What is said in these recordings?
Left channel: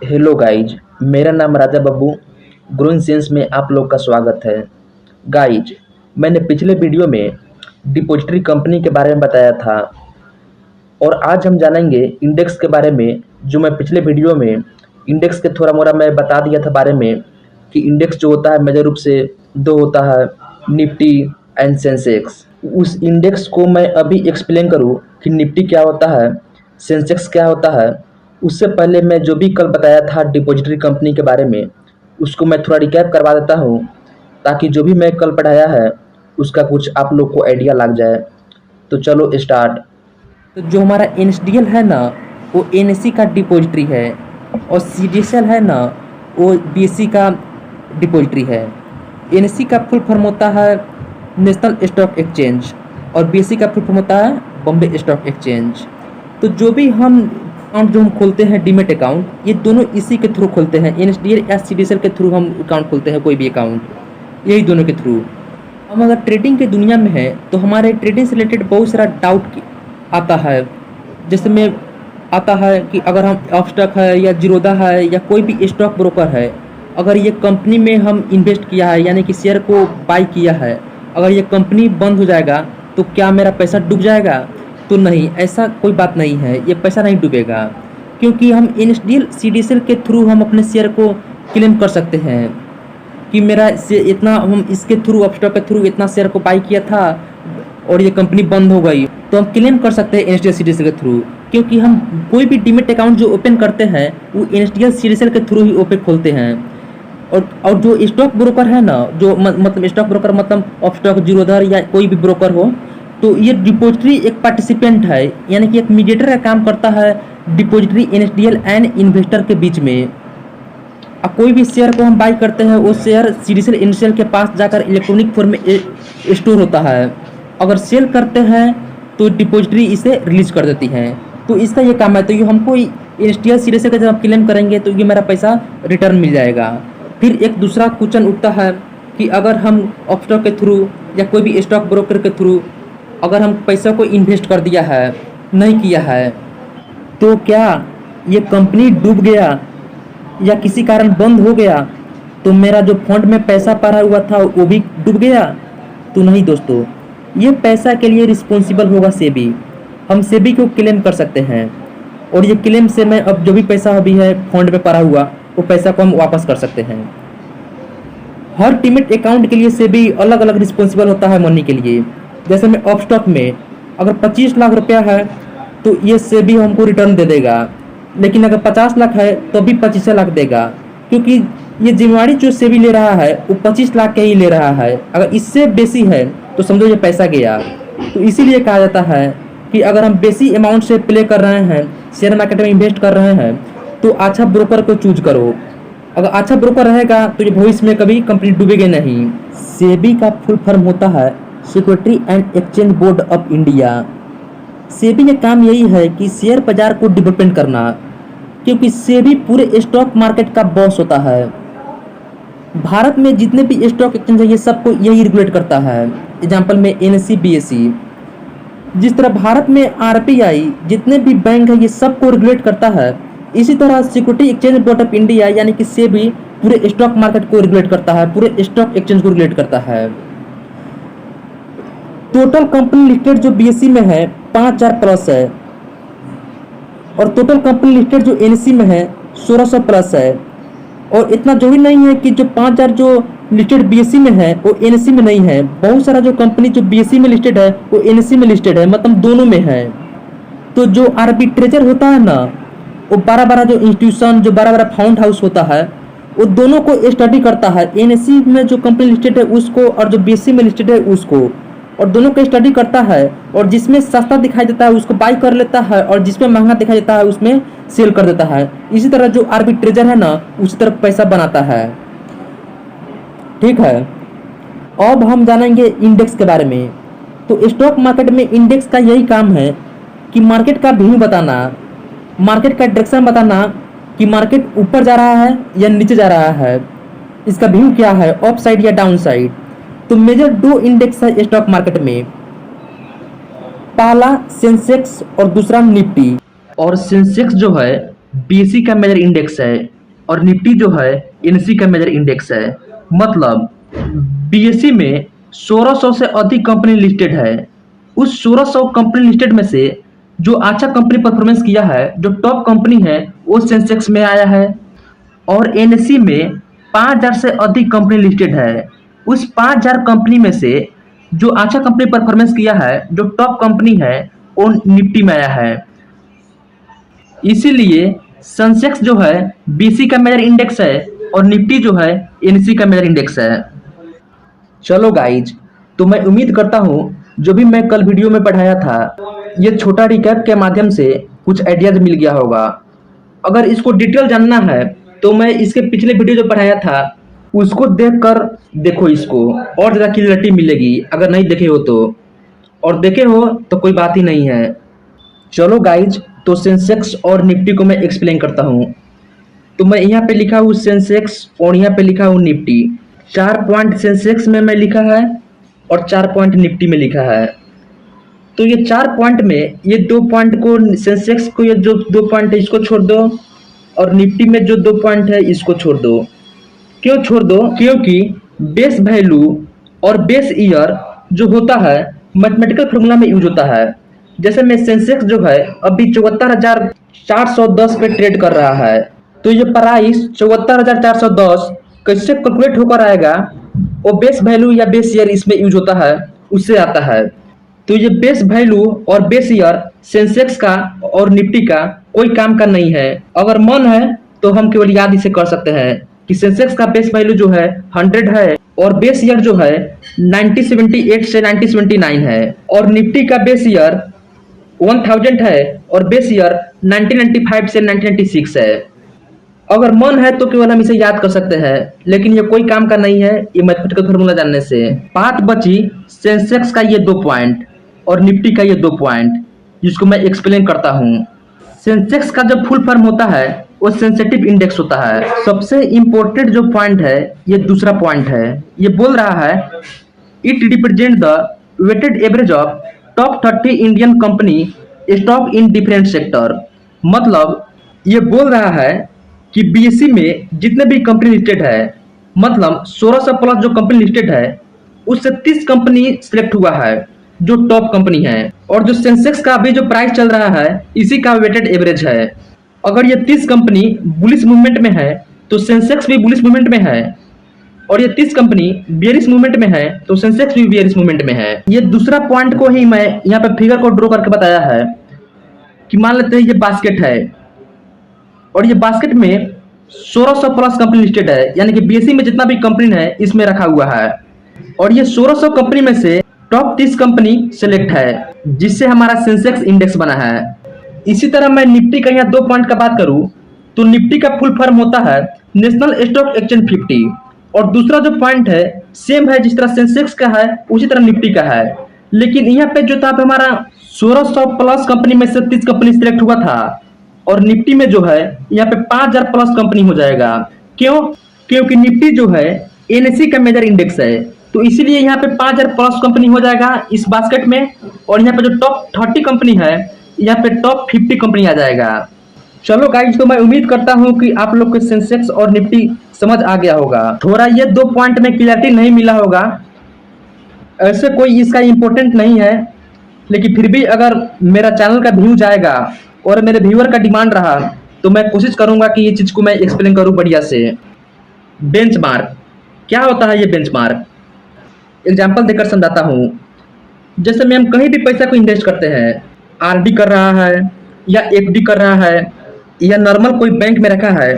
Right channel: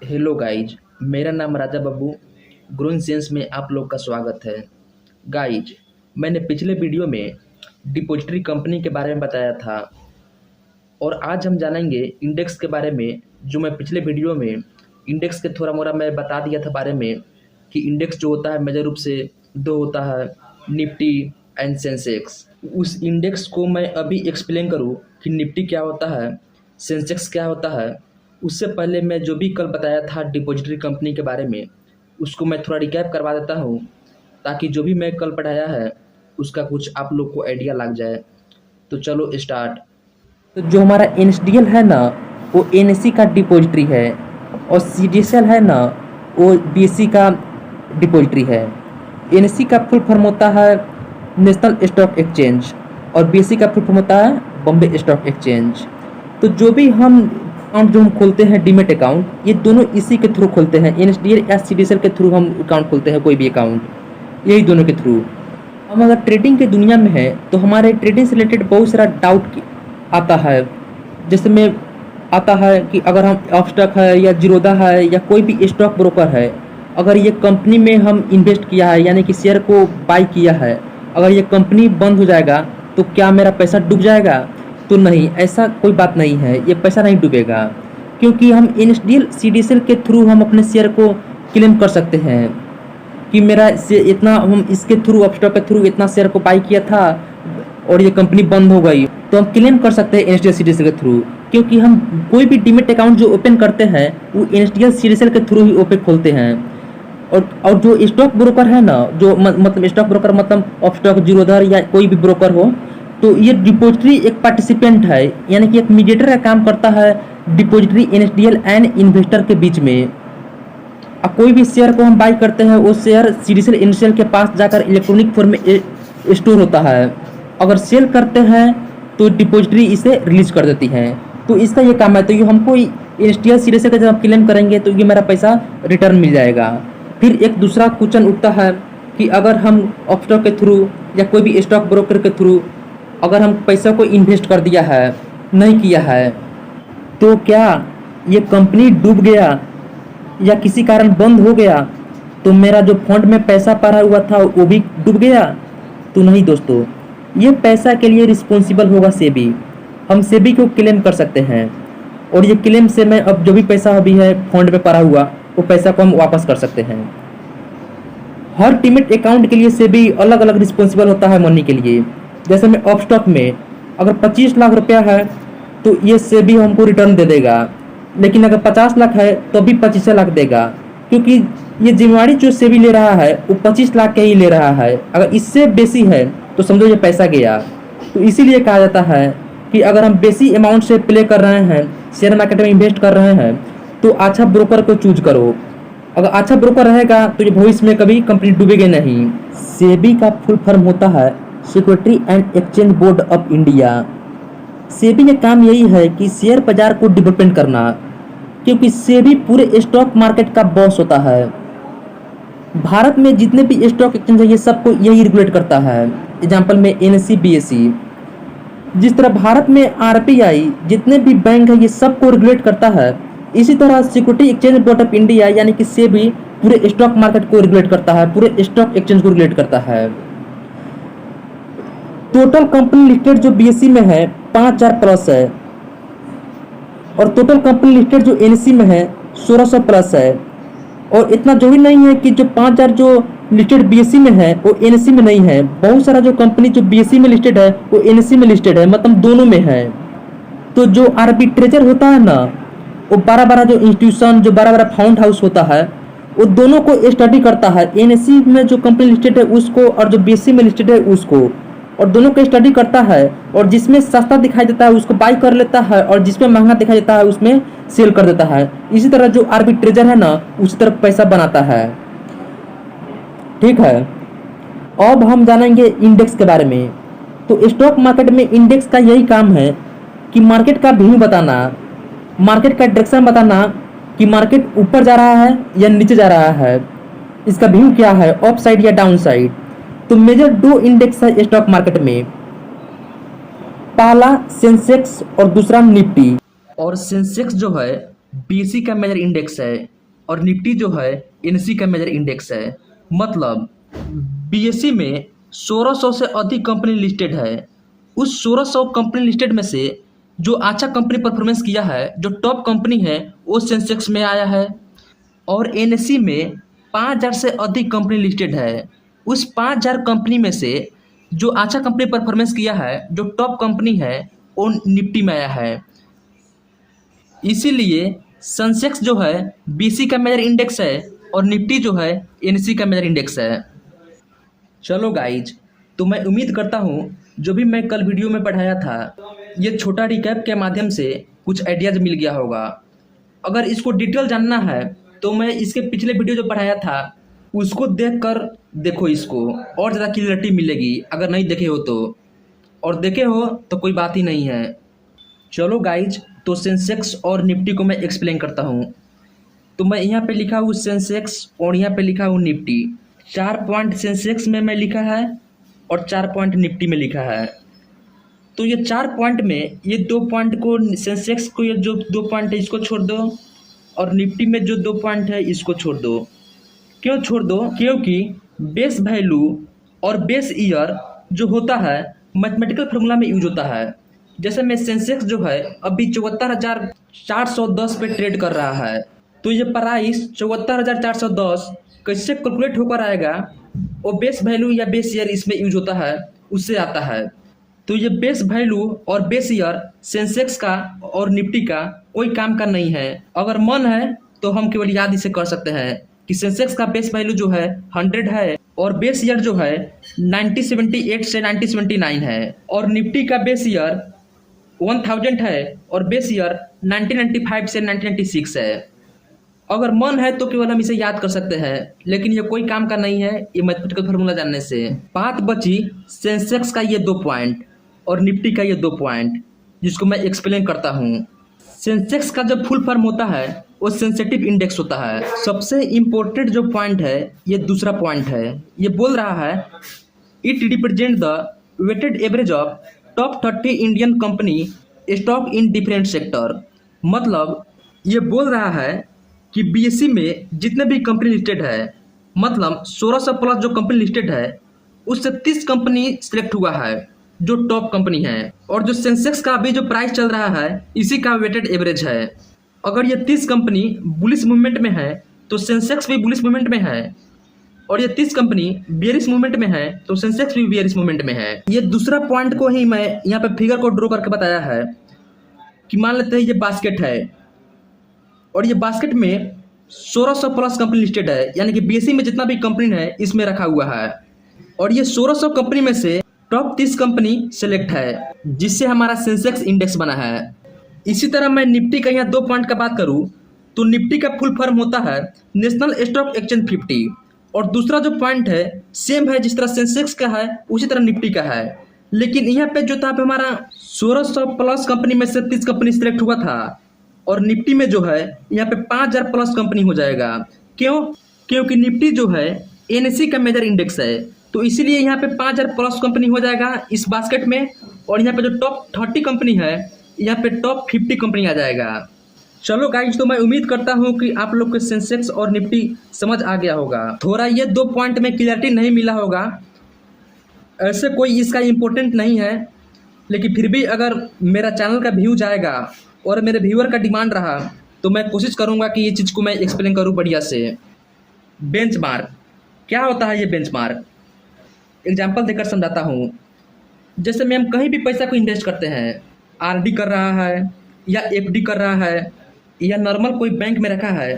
Hello guys, मेरा नाम राजा Babbu. Growing sense में आप लोग का स्वागत है। गाइज, मैंने पिछले वीडियो में डिपॉजिटरी कंपनी के बारे में बताया था और आज हम जानेंगे इंडेक्स के बारे में। जो मैं पिछले वीडियो में इंडेक्स के थोड़ा मोड़ा मैं बता दिया था बारे में कि इंडेक्स जो होता है मेजर रूप से दो होता है, निफ्टी एंड सेंसेक्स। उस इंडेक्स को मैं अभी एक्सप्लेन करूँ कि निफ्टी क्या होता है, सेंसेक्स क्या होता है। उससे पहले मैं जो भी कल बताया था डिपॉजिटरी कंपनी के बारे में उसको मैं थोड़ा रिकैप करवा देता हूँ, ताकि जो भी मैं कल पढ़ाया है उसका कुछ आप लोग को आइडिया लग जाए। तो चलो स्टार्ट। तो जो हमारा एनएसडीएल है ना, वो एनएससी का डिपॉजिटरी है, और सीडीएसएल है ना, वो बीएससी का डिपॉजिटरी है। एनएससी का फुल फॉर्म होता है नेशनल स्टॉक एक्सचेंज, और बीएससी का फुल फॉर्म होता है बॉम्बे स्टॉक एक्सचेंज। तो जो भी हम अकाउंट जो हम खोलते हैं डीमेट अकाउंट, ये दोनों इसी के थ्रू खोलते हैं। एनएसडीएल या सीडीएसएल के थ्रू हम अकाउंट खोलते हैं, कोई भी अकाउंट यही दोनों के थ्रू। हम अगर ट्रेडिंग के दुनिया में है तो हमारे ट्रेडिंग से रिलेटेड बहुत सारा डाउट आता है। जैसे में आता है कि अगर हम अपस्टॉक है या जीरोधा है या कोई भी स्टॉक ब्रोकर है, अगर ये कंपनी में हम इन्वेस्ट किया है यानी कि शेयर को बाई किया है, अगर ये कंपनी बंद हो जाएगा तो क्या मेरा पैसा डूब जाएगा? तो नहीं, ऐसा कोई बात नहीं है, ये पैसा नहीं डूबेगा, क्योंकि हम एनएसडीएल सीडीएसएल के थ्रू हम अपने शेयर को क्लेम कर सकते हैं कि मेरा से इतना, हम इसके थ्रू अपस्टॉक के थ्रू इतना शेयर को बाई किया था और ये कंपनी बंद हो गई, तो हम क्लेम कर सकते हैं एनएसडीएल सीडीएसएल के थ्रू। क्योंकि हम कोई भी डीमेट अकाउंट जो ओपन करते हैं वो एनएसडीएल सीडीएसएल के थ्रू ही ओपन खोलते हैं। और जो स्टॉक ब्रोकर है ना, जो मतलब स्टॉक ब्रोकर मतलब अपस्टॉक जीरोधर या कोई भी ब्रोकर हो, तो ये डिपॉजिटरी एक पार्टिसिपेंट है, यानी कि एक मीडिएटर का काम करता है डिपॉजिटरी एनएसडीएल एंड इन्वेस्टर के बीच में। अब कोई भी शेयर को हम बाई करते हैं, वो शेयर सीडीएसएल एनएसडीएल के पास जाकर इलेक्ट्रॉनिक फॉर्म में स्टोर होता है। अगर सेल करते हैं तो डिपॉजिटरी इसे रिलीज कर देती है। तो इसका ये काम है। तो ये हमको एनएसडीएल सीडीएसएल का जब आप क्लेम करेंगे तो ये मेरा पैसा रिटर्न मिल जाएगा। फिर एक दूसरा क्वेश्चन उठता है कि अगर हम अपस्टॉक के थ्रू या कोई भी स्टॉक ब्रोकर के थ्रू अगर हम पैसा को इन्वेस्ट कर दिया है, नहीं किया है, तो क्या ये कंपनी डूब गया या किसी कारण बंद हो गया तो मेरा जो फंड में पैसा पड़ा हुआ था वो भी डूब गया? तो नहीं दोस्तों, ये पैसा के लिए रिस्पॉन्सिबल होगा सेबी। हम सेबी को क्लेम कर सकते हैं, और ये क्लेम से मैं अब जो भी पैसा अभी है फंड में पड़ा हुआ वो पैसा को हम वापस कर सकते हैं। हर डीमैट अकाउंट के लिए सेबी अलग अलग रिस्पॉन्सिबल होता है मनी के लिए। जैसे में अपस्टॉक में अगर 25 लाख रुपया है तो ये सेबी हमको रिटर्न दे देगा, लेकिन अगर 50 लाख है तो भी 25 लाख देगा, क्योंकि ये जिम्मेवारी जो सेबी ले रहा है वो 25 लाख के ही ले रहा है। अगर इससे बेसी है तो समझो ये पैसा गया। तो इसीलिए कहा जाता है कि अगर हम बेसी अमाउंट से प्ले कर रहे हैं, शेयर मार्केट में इन्वेस्ट कर रहे हैं, तो अच्छा ब्रोकर को चूज करो। अगर अच्छा ब्रोकर रहेगा तो ये भविष्य में कभी कंपनी डूबेगी नहीं। सेबी का फुल फॉर्म होता है security and exchange board of India. SEBI का काम यही है कि शेयर बाजार को डेवलपमेंट करना, क्योंकि सेबी पूरे स्टॉक मार्केट का बॉस होता है। भारत में जितने भी स्टॉक एक्सचेंज है ये सबको यही रेगुलेट करता है। एग्जाम्पल में एनएससी बीएससी, जिस तरह भारत में आरबीआई जितने भी बैंक है ये सबको रेगुलेट करता है, इसी तरह security exchange board of India यानी कि सेबी पूरे स्टॉक मार्केट को रेगुलेट करता है, पूरे स्टॉक एक्सचेंज को रेगुलेट करता है। टोटल कंपनी लिस्टेड जो बीएससी में है 5000 प्लस है, और टोटल कंपनी लिस्टेड जो एनएससी में है 1600 प्लस है। और इतना जो भी नहीं है कि जो 5000 जो लिस्टेड बीएससी में है वो एनएससी में नहीं है, बहुत सारा जो कंपनी जो बीएससी में लिस्टेड है वो एनएससी में लिस्टेड है, मतलब दोनों में है। तो जो आर्बिट्रेजर होता है ना, वो बड़ा बड़ा जो इंस्टीट्यूशन, जो बड़ा बड़ा फाउंड हाउस होता है, वो दोनों को स्टडी करता है। एनएससी में जो कंपनी लिस्टेड है उसको, और जो बीएससी में लिस्टेड है उसको, और दोनों को स्टडी करता है। और जिसमें सस्ता दिखाई देता है उसको बाई कर लेता है, और जिसमें महंगा दिखाई देता है उसमें सेल कर देता है। इसी तरह जो आर्बिट्रेजर है ना उसी तरह पैसा बनाता है। ठीक है, अब हम जानेंगे इंडेक्स के बारे में। तो स्टॉक मार्केट में इंडेक्स का यही काम है कि मार्केट का व्यू बताना, मार्केट का डायरेक्शन बताना कि मार्केट ऊपर जा रहा है या नीचे जा रहा है, इसका व्यू क्या है, अप साइड या डाउन साइड। तो मेजर दो इंडेक्स है स्टॉक मार्केट में, पहला सेंसेक्स और दूसरा निफ्टी। और सेंसेक्स जो है बीएसई का मेजर इंडेक्स है और निफ्टी जो है एनएसई का मेजर इंडेक्स है। मतलब बीएसई में 1600 से अधिक कंपनी लिस्टेड है। उस 1600 कंपनी लिस्टेड में से जो अच्छा कंपनी परफॉर्मेंस किया है, जो टॉप कंपनी है, वो सेंसेक्स में आया है। और एनएसई में 5000 से अधिक कंपनी लिस्टेड है। उस 5000 कंपनी में से जो अच्छा कंपनी परफॉर्मेंस किया है, जो टॉप कंपनी है, वो निफ्टी में आया है। इसीलिए सेंसेक्स जो है बीएसई का मेजर इंडेक्स है और निफ्टी जो है एनएसई का मेजर इंडेक्स है। चलो गाइज, तो मैं उम्मीद करता हूँ जो भी मैं कल वीडियो में पढ़ाया था, ये छोटा रिकैप के माध्यम से कुछ आइडियाज मिल गया होगा। अगर इसको डिटेल जानना है तो मैं इसके पिछले वीडियो जो पढ़ाया था उसको देखकर देखो, इसको और ज़्यादा क्लियरिटी मिलेगी अगर नहीं देखे हो तो। और देखे हो तो कोई बात ही नहीं है। चलो गाइज, तो सेंसेक्स और निफ्टी को मैं एक्सप्लेन करता हूँ। तो मैं यहाँ पे लिखा हूँ सेंसेक्स और यहाँ पे लिखा हूँ निफ्टी। 4 पॉइंट सेंसेक्स में मैं लिखा है और 4 पॉइंट निफ्टी में लिखा है। तो ये 4 पॉइंट में ये 2 पॉइंट को, सेंसेक्स को ये जो 2 पॉइंट है इसको छोड़ दो और निफ्टी में जो 2 पॉइंट है इसको छोड़ दो। क्यों छोड़ दो? क्योंकि बेस वैल्यू और बेस ईयर जो होता है मैथमेटिकल फॉर्मूला में यूज होता है। जैसे मैं सेंसेक्स जो है अभी 74,410 पे ट्रेड कर रहा है, तो ये प्राइस 74,410 कैसे कैलकुलेट होकर आएगा? वो बेस वैल्यू या बेस ईयर इसमें यूज होता है, उससे आता है। तो ये बेस वैल्यू और बेस ईयर सेंसेक्स का और निफ्टी का कोई काम का नहीं है। अगर मन है तो हम केवल याद इसे कर सकते हैं कि सेंसेक्स का बेस वैल्यू जो है 100 है और बेस ईयर जो है 1978 से 1979 है और निफ्टी का बेस ईयर 1000 है और बेस ईयर 1995 से 1996 है। अगर मन है तो केवल हम इसे याद कर सकते हैं, लेकिन ये कोई काम का नहीं है ये मैथमेटिकल फॉर्मूला जानने से। बात बची सेंसेक्स का ये 2 पॉइंट और निफ्टी का ये 2 पॉइंट, जिसको मैं एक्सप्लेन करता हूँ। सेंसेक्स का जब फुल फॉर्म होता है वो सेंसिटिव इंडेक्स होता है। सबसे इंपॉर्टेंट जो पॉइंट है ये दूसरा पॉइंट है। ये बोल रहा है it represent the weighted average of top 30 Indian company stock in different sector. मतलब ये बोल रहा है कि बीएसई में जितने भी कंपनी लिस्टेड है, मतलब 1600 प्लस जो कंपनी लिस्टेड है, उससे 30 कंपनी सिलेक्ट हुआ है जो टॉप कंपनी है। और जो सेंसेक्स का अभी जो प्राइस चल रहा है इसी का वेटेड एवरेज है। अगर ये 30 कंपनी बुलिश मूवमेंट में है तो सेंसेक्स भी बुलिश मूवमेंट में है, और ये 30 कंपनी बेयरिश मूवमेंट में है तो सेंसेक्स भी बेयरिश मूवमेंट में है। ये दूसरा पॉइंट को ही मैं यहाँ पे फिगर को ड्रॉ करके बताया है कि मान लेते हैं ये बास्केट है और ये बास्केट में 1600 प्लस कंपनी लिस्टेड है, यानी कि बीएसई में जितना भी कंपनी है इसमें रखा हुआ है। और ये 1600 कंपनी में से टॉप 30 कंपनी सेलेक्ट है, जिससे हमारा सेंसेक्स इंडेक्स बना है। इसी तरह मैं निफ्टी का यहाँ 2 पॉइंट का बात करूं तो निफ्टी का फुल फॉर्म होता है नेशनल स्टॉक एक्सचेंज 50। और दूसरा जो पॉइंट है सेम है, जिस तरह सेंसेक्स का है उसी तरह निफ्टी का है। लेकिन यहाँ पे जो था हमारा 1600 प्लस कंपनी में से 30 कंपनी सिलेक्ट हुआ था, और निफ्टी में जो है यहाँ पे 5000 प्लस कंपनी हो जाएगा। क्यों? क्योंकि निफ्टी जो है एनएसई का मेजर इंडेक्स है, तो इसीलिए यहाँ पे 5000 प्लस कंपनी हो जाएगा इस बास्केट में। और यहाँ पे जो टॉप 30 कंपनी है यहाँ पे टॉप 50 कंपनी आ जाएगा। चलो गाइज, तो मैं उम्मीद करता हूँ कि आप लोग को सेंसेक्स और निफ्टी समझ आ गया होगा। थोड़ा ये 2 पॉइंट में क्लियरिटी नहीं मिला होगा, ऐसे कोई इसका इम्पोर्टेंट नहीं है, लेकिन फिर भी अगर मेरा चैनल का व्यू जाएगा और मेरे व्यूअर का डिमांड रहा तो मैं कोशिश करूंगा कि ये चीज़ को मैं एक्सप्लेन करूं बढ़िया से। बेंचमार्क क्या होता है? ये बेंचमार्क एग्जांपल देकर समझाता हूं। जैसे में हम कहीं भी पैसा को इन्वेस्ट करते हैं, आरडी कर रहा है या एफडी कर रहा है या नॉर्मल कोई बैंक में रखा है,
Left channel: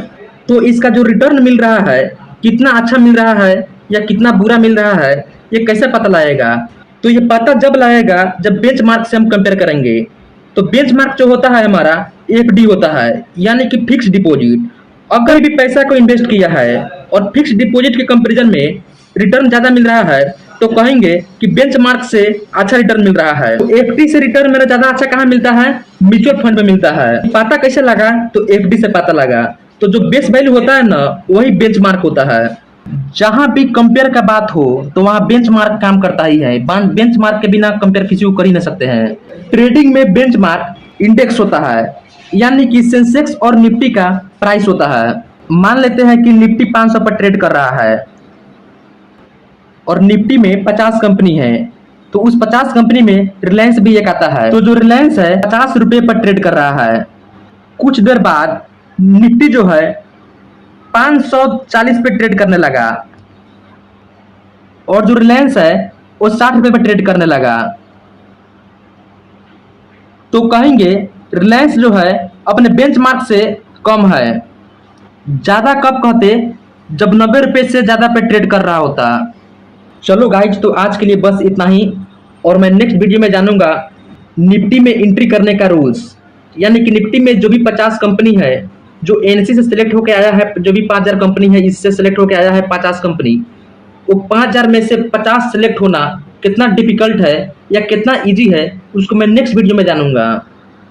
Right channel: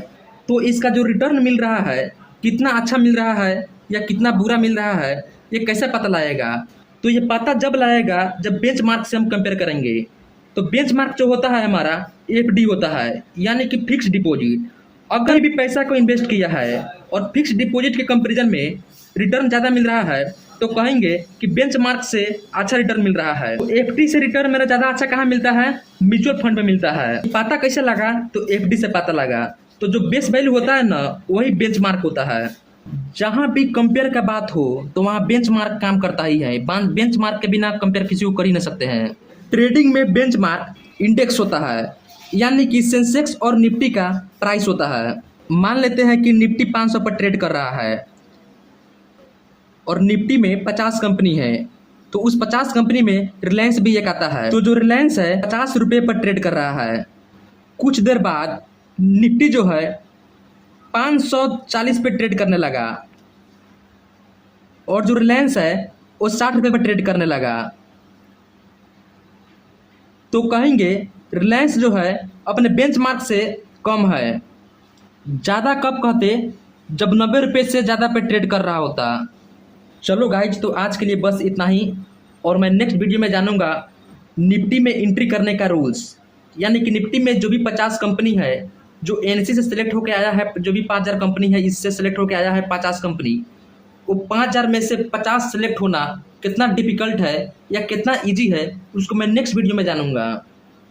तो इसका जो रिटर्न मिल रहा है कितना अच्छा मिल रहा है या कितना बुरा मिल रहा है, ये कैसे पता लगाएगा? तो ये पता जब लगाएगा जब बेंचमार्क से हम कंपेयर करेंगे। तो बेंचमार्क जो होता है हमारा एफडी होता है, यानी कि फिक्स डिपॉजिट। अगर भी पैसा को इन्वेस्ट किया है और फिक्स डिपॉजिट के कंपैरिजन में रिटर्न ज्यादा मिल रहा है तो कहेंगे कि बेंचमार्क से अच्छा रिटर्न मिल रहा है। तो एफडी से रिटर्न मेरा ज्यादा अच्छा कहाँ मिलता है? म्यूचुअल फंड में मिलता है। पता कैसे लगा? तो एफडी से पता लगा। तो जो बेस वैल्यू होता है ना, वही बेंचमार्क होता है। जहां भी कंपेयर का बात हो तो वहां बेंचमार्क काम करता ही है। बेंचमार्क के बिना कंपेयर किसी को कर ही नहीं सकते हैं। ट्रेडिंग में बेंचमार्क इंडेक्स होता है, यानी कि सेंसेक्स और निफ्टी का प्राइस होता है। मान लेते हैं कि निफ्टी 500 पर ट्रेड कर रहा है और निफ्टी में 50 कंपनी है, तो उस 50 कंपनी में रिलायंस भी एक आता है। तो जो रिलायंस है 50 रुपये पर ट्रेड कर रहा है। कुछ देर बाद निफ्टी जो है 540 पे ट्रेड करने लगा और जो रिलायंस है वो 60 रुपये पर ट्रेड करने लगा। तो कहेंगे रिलायंस जो है अपने बेंचमार्क से कम है। ज्यादा कब कहते, जब 90 रुपये से ज्यादा पे ट्रेड कर रहा होता। चलो गाइज, तो आज के लिए बस इतना ही और मैं नेक्स्ट वीडियो में जानूंगा निफ्टी में एंट्री करने का रूल्स। यानी कि निफ्टी में जो भी 50 कंपनी है, जो एनएससी से सिलेक्ट होकर आया है, जो भी 5000 कंपनी है इससे सिलेक्ट होकर आया है 50 कंपनी, वो 5000 में से 50 सिलेक्ट होना कितना डिफिकल्ट है या कितना इजी है, उसको मैं नेक्स्ट वीडियो में जानूंगा।